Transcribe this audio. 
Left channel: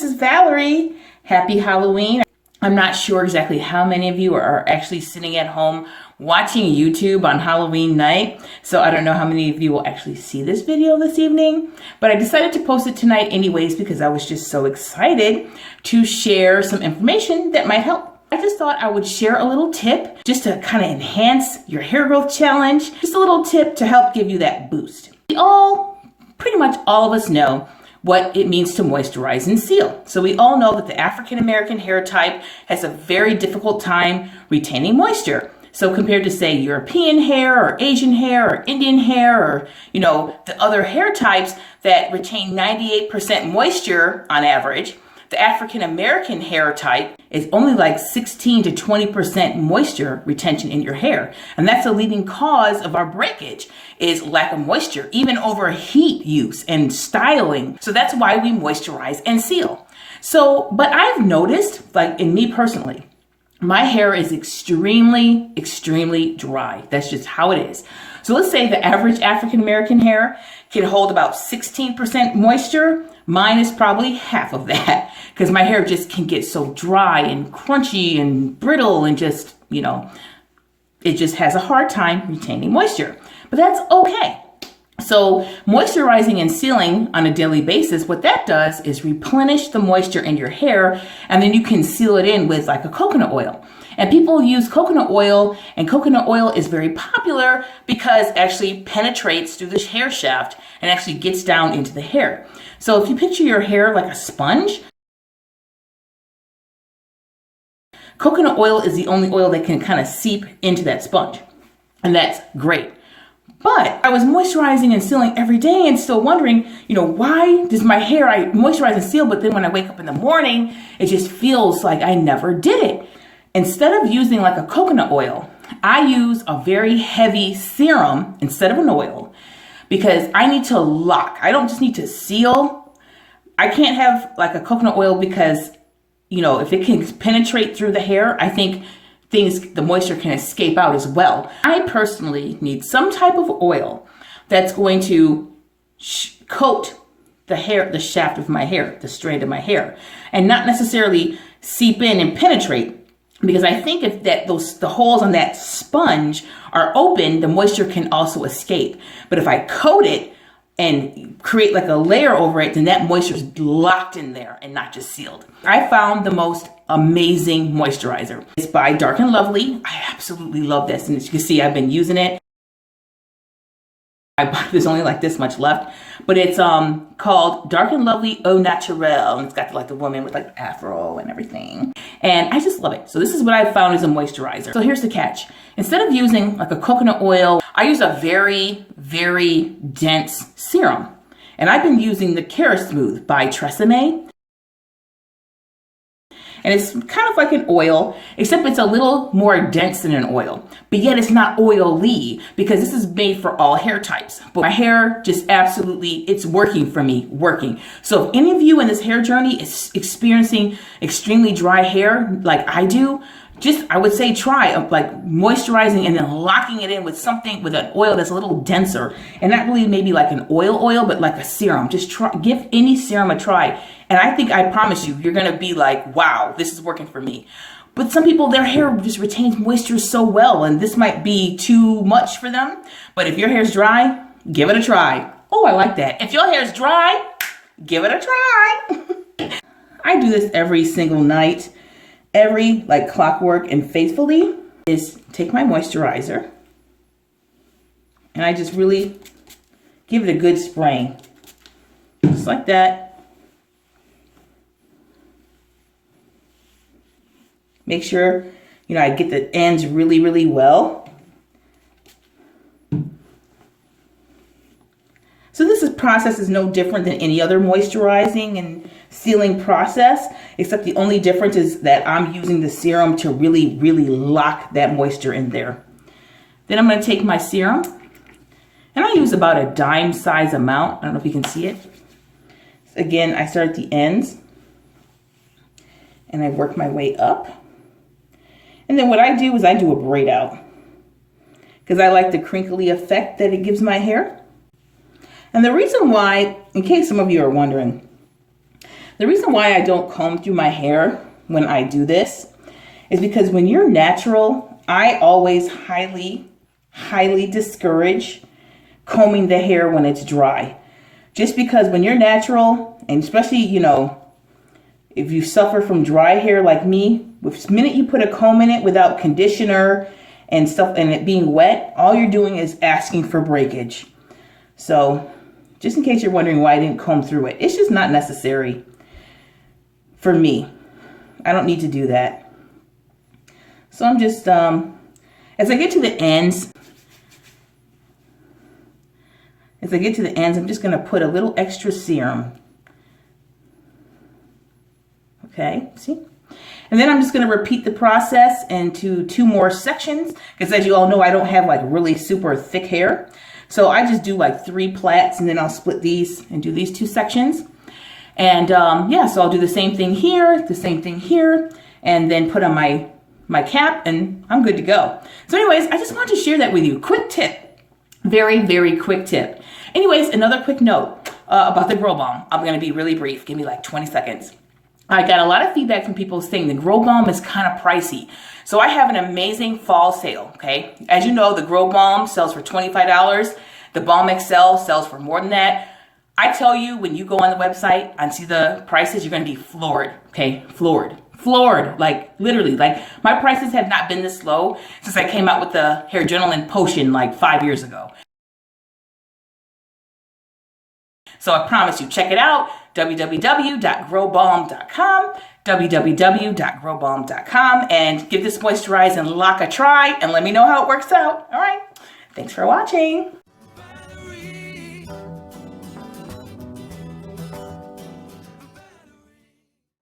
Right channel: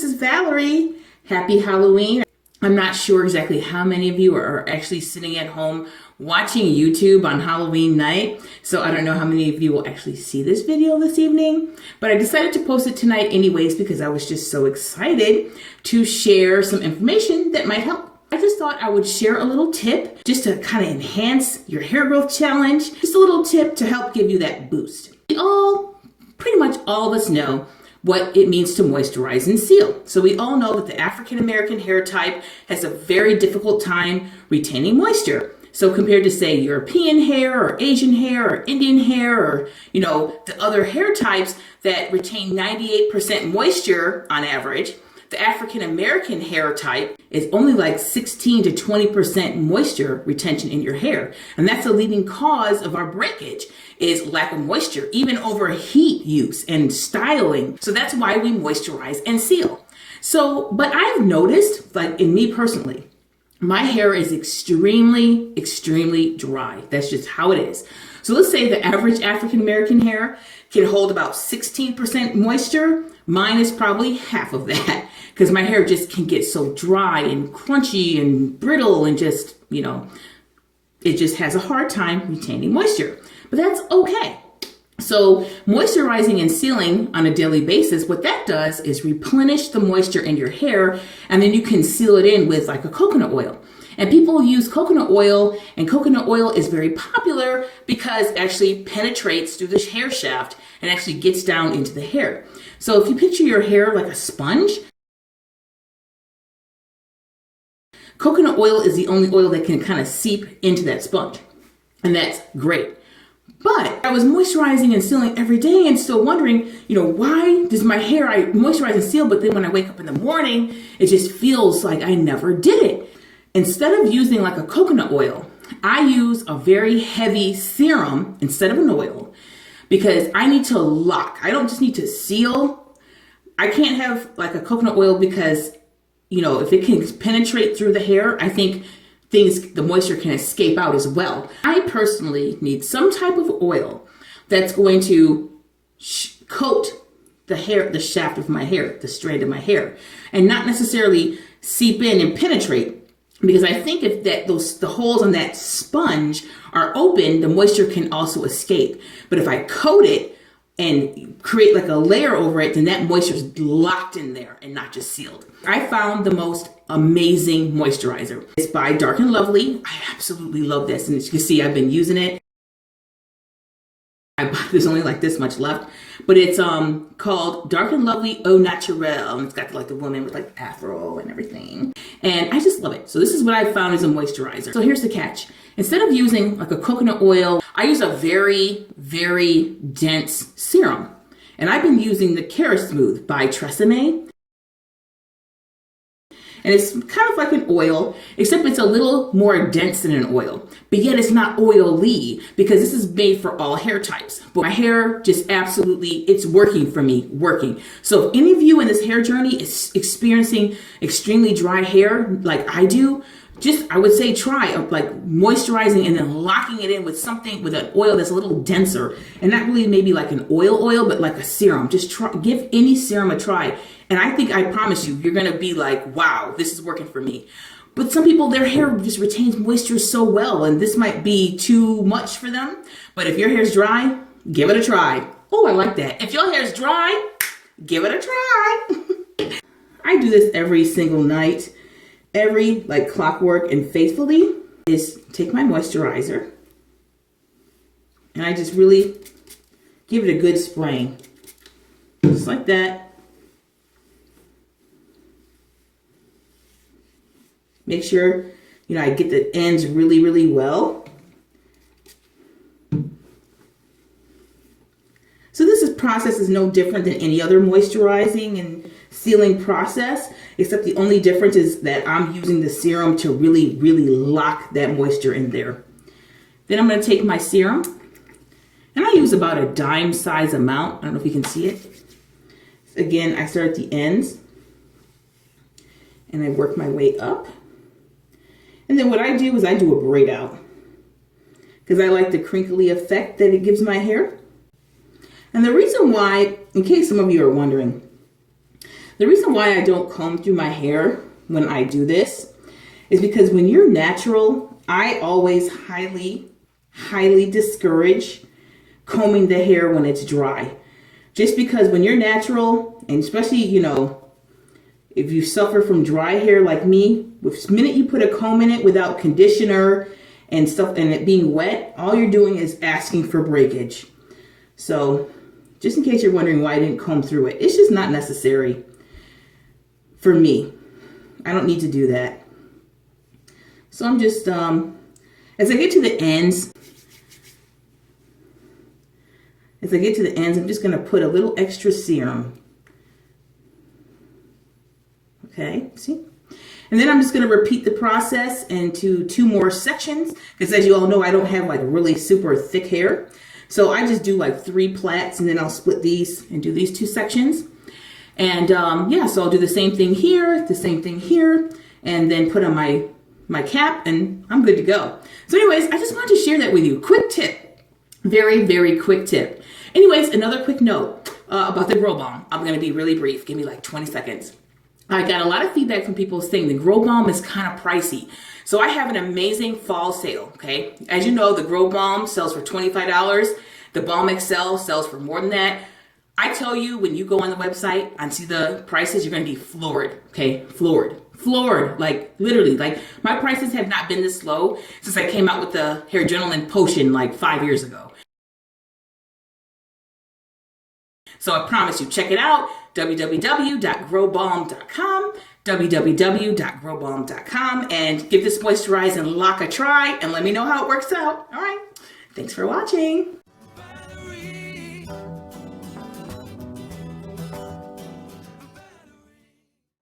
this is Valerie. Happy Halloween. I'm not sure exactly how many of you are actually sitting at home watching YouTube on Halloween night, so I don't know how many of you will actually see this video this evening, but I decided to post it tonight anyways because I was just so excited to share some information that might help. I just thought I would share a little tip just to kind of enhance your hair growth challenge, just a little tip to help give you that boost. Pretty much all of us know what it means to moisturize and seal. So we all know that the African American hair type has a very difficult time retaining moisture. So compared to say European hair or Asian hair or Indian hair or, the other hair types that retain 98% moisture on average, the African American hair type is only like 16 to 20% moisture retention in your hair. And that's a leading cause of our breakage is lack of moisture, even over heat use and styling. So that's why we moisturize and seal. But I've noticed, like in me personally, my hair is extremely, extremely dry. That's just how it is. So let's say the average African American hair can hold about 16% moisture. Mine is probably half of that because my hair just can get so dry and crunchy and brittle and just, it just has a hard time retaining moisture. But that's okay. So moisturizing and sealing on a daily basis, what that does is replenish the moisture in your hair, and then you can seal it in with like a coconut oil. And people use coconut oil, and coconut oil is very popular because it actually penetrates through the hair shaft and actually gets down into the hair. So if you picture your hair like a sponge, coconut oil is the only oil that can kind of seep into that sponge. And that's great. But I was moisturizing and sealing every day and still wondering, why does my hair, I moisturize and seal, but then when I wake up in the morning, it just feels like I never did it. Instead of using like a coconut oil, I use a very heavy serum instead of an oil because I need to lock. I don't just need to seal. I can't have like a coconut oil because, if it can penetrate through the hair, I think the moisture can escape out as well. I personally need some type of oil that's going to coat the hair, the shaft of my hair, the strand of my hair, and not necessarily seep in and penetrate. Because I think if the holes on that sponge are open, the moisture can also escape. But if I coat it and create like a layer over it, then that moisture is locked in there and not just sealed. I found the most amazing moisturizer. It's by Dark and Lovely. I absolutely love this. And as you can see, I've been using it. There's only like this much left, but it's called Dark and Lovely OhValerieMonCherie, and it's got like the woman with like afro and everything, and I just love it. So this is what I found as a moisturizer. So here's the catch: instead of using like a coconut oil, I use a very, very dense serum, and I've been using the Smooth by Tresemme. And it's kind of like an oil, except it's a little more dense than an oil. But yet it's not oily because this is made for all hair types. But my hair just absolutely, it's working for me, working. So if any of you in this hair journey is experiencing extremely dry hair like I do, I would say try like moisturizing and then locking it in with something, with an oil that's a little denser. And not really maybe like an oil, but like a serum. Just give any serum a try. And I promise you, you're going to be like, wow, this is working for me. But some people, their hair just retains moisture so well, and this might be too much for them. But if your hair's dry, give it a try. Oh, I like that. If your hair's dry, give it a try. I do this every single night. Every like clockwork and faithfully is take my moisturizer and I just really give it a good spraying. Just like that. Make sure, I get the ends really, really well. So this process is no different than any other moisturizing and sealing process, except the only difference is that I'm using the serum to really, really lock that moisture in there. Then I'm going to take my serum, and I use about a dime size amount. I don't know if you can see it. Again, I start at the ends, and I work my way up. And then what I do is I do a braid out, because I like the crinkly effect that it gives my hair. And the reason why, in case some of you are wondering, The reason why I don't comb through my hair when I do this is because when you're natural, I always highly discourage combing the hair when it's dry. Just because when you're natural, and especially, you know, if you suffer from dry hair like me, the minute you put a comb in it without conditioner and stuff and it being wet, all you're doing is asking for breakage. So just in case you're wondering why I didn't comb through it, it's just not necessary for me. I don't need to do that. So I'm just, as I get to the ends, I'm just going to put a little extra serum. Okay, see? And then I'm just going to repeat the process into 2 more sections, because as you all know, I don't have like really super thick hair. So I just do like 3 plaits, and then I'll split these and do these 2 sections. And yeah, so I'll do the same thing here, and then put on my cap, and I'm good to go. So anyways, I just wanted to share that with you. Quick tip. Very, very quick tip. Anyways, another quick note about the Grow Balm. I'm going to be really brief. Give me like 20 seconds. I got a lot of feedback from people saying the Grow Balm is kind of pricey. So I have an amazing fall sale, okay? As you know, the Grow Balm sells for $25. The Balm XL sells for more than that. I tell you, when you go on the website and see the prices, you're going to be floored, okay? Floored, like literally. Like my prices have not been this low since I came out with the Hair Gentleman Potion like 5 years ago. So I promise you, check it out, www.growbalm.com, www.growbalm.com, and give this Moisturize and Lock a try, and let me know how it works out. All right, thanks for watching.